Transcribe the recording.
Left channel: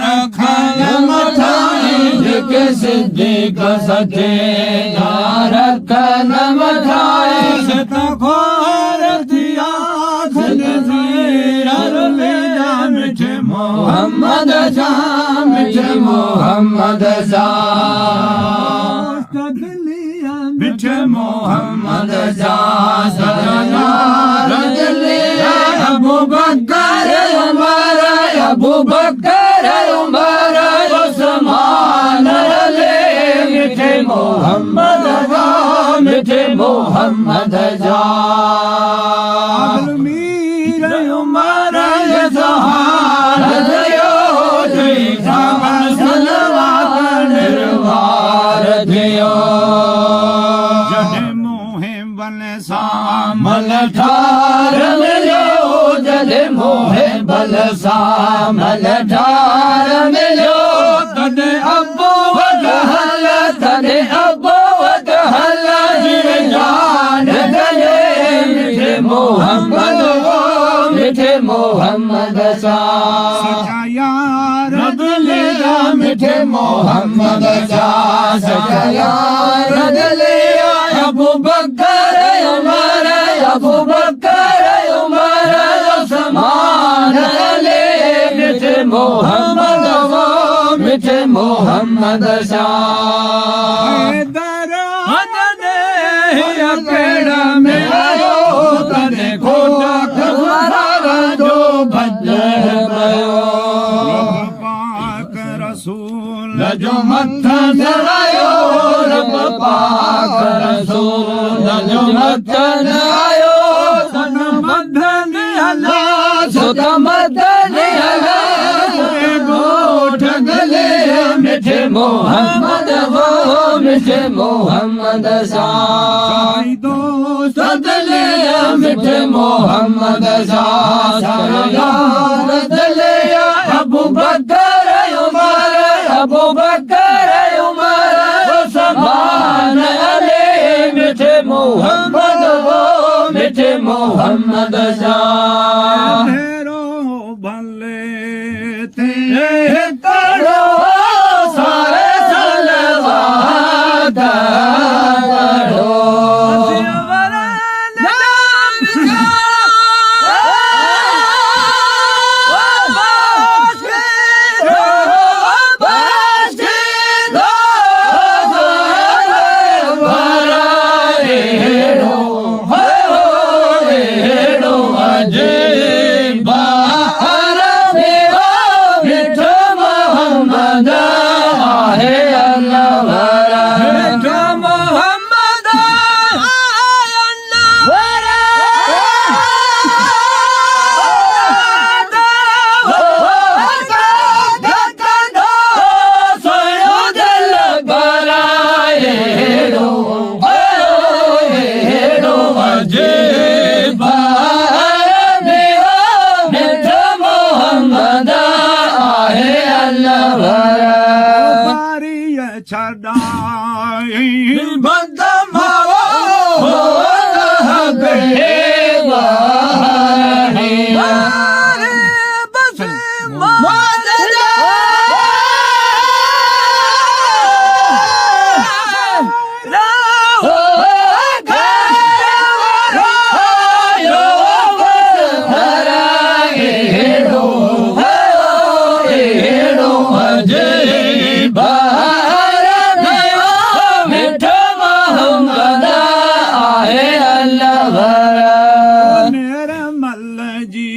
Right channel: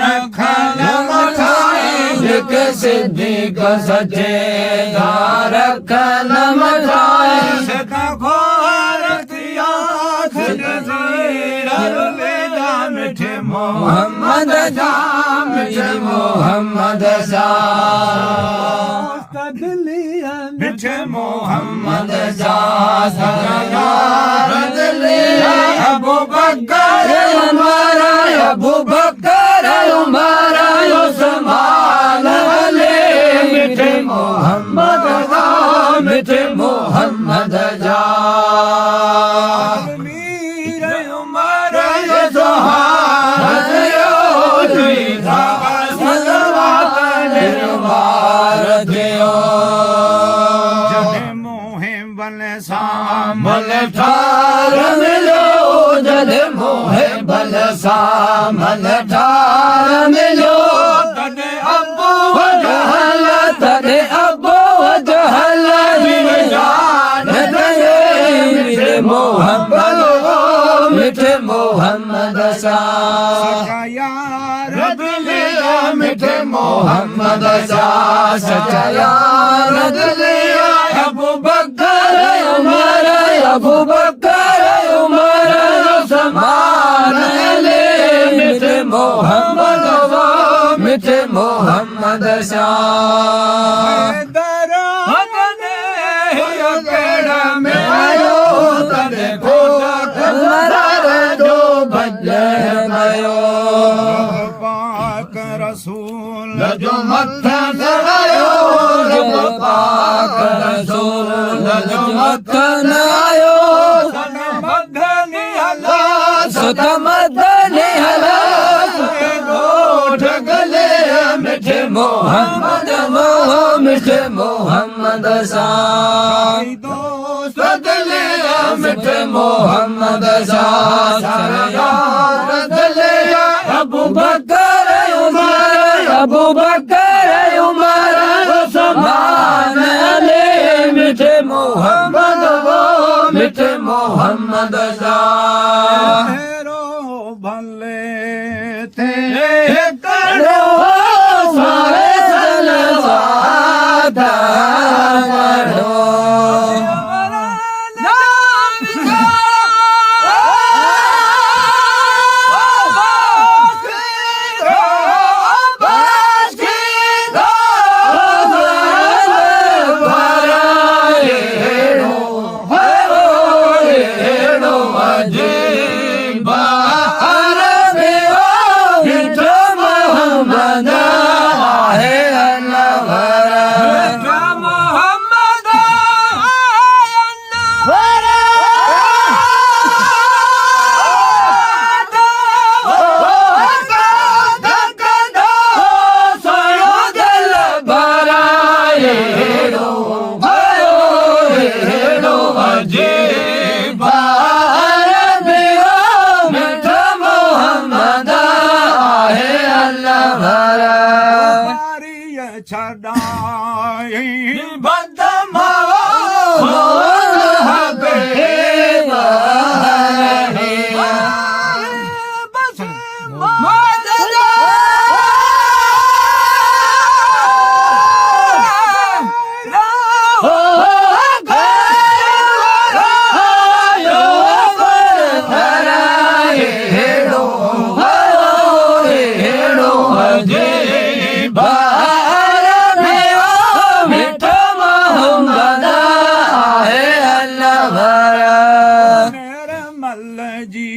रखल मथाएं जेके सिद्दीक़ सचे रखल मथाएं सका खोर थिया मिठे मोहम्मद जा मिठे मोहम्मद जा मिठे मोहम्मद जा सजाया बदलिया अबू बकर हमारा अबू बकर हमारा उस्मान अली मिठे मोहम्मद जा मिठे मोहम्मद जा मीर उमर सहारा दियो तुझा सलवार निर्वार दियो सामल ठार मिलो जदे मोहे बल सामल ठार मिलो तने अबो वजहल तने अबो वजहल जीवन दले मिठे मोहम्मद मिठे मोहम्मद सा यार दिलिया मिठे मोहम्मद सा सच्चा यार दिलिया अबू बकर अबू बकर उमर उस्मान अली मिठे मोहम्मद मिठे मोहम्मद शाह पेड़ में आयो तने खोजर जो बदल गयो पाक रसूल जो मत्था आयो रब पाक रसूल जो मत्था मिठे मोहम्मद मिठे मोहम्मद साई दोस्त दलिया मिठे मोहम्मद यार दलिया अबू बकर उमर उस्मान अली मिठे मोहम्मद मिठे मोहम्मद भले थे करो सारे सलवात पढ़ो छड़ाई बदमा निर्मल जी